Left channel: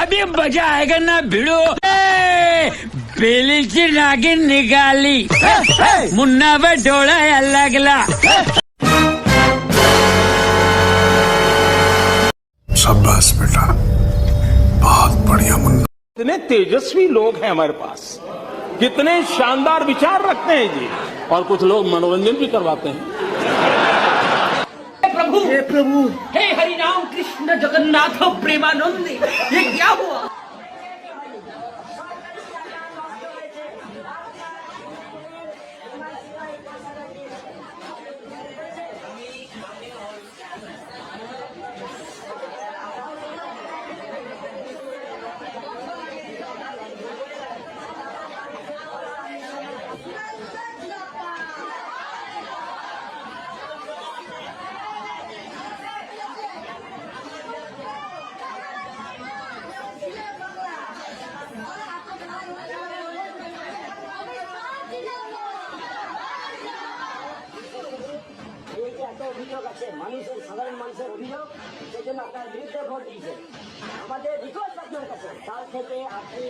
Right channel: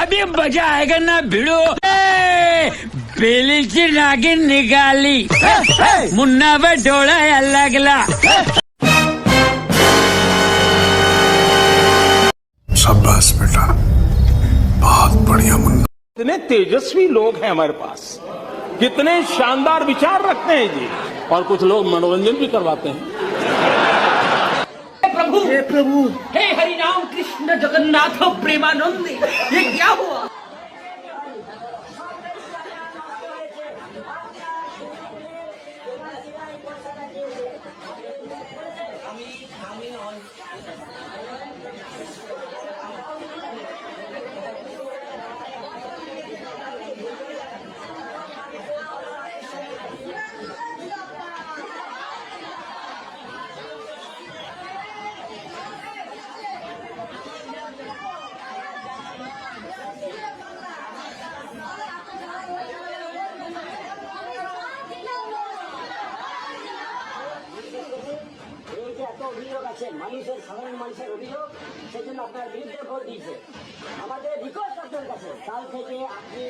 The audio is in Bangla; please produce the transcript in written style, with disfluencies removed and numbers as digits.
अभी मजा आएगा ना भिड़ो. बेलीची नागिन निघाली, मुन्नावर डोळा लागला. शाबाश बेटा, बहुत बढ़िया मुन्ना. कितने तेजस्वी लोग हैं हमारे पास, कितने शानदार विचार रखते हैं जी. और कुछ लोग मनोरंजन भी करवाते हैं. हे प्रभु, हे हरिनाम कृष्ण जगन्नाथ प्रेमानंद, ये क्या हुआ? অভিযোগ আছে, মানুষের সাধারণ মানুষের অভিযোগ, সেজন্য আপনার বিরুদ্ধে ভোট দিয়েছে। আমাদের রিকোয়েস্ট আপনার কাছে, কাল থেকে আপনি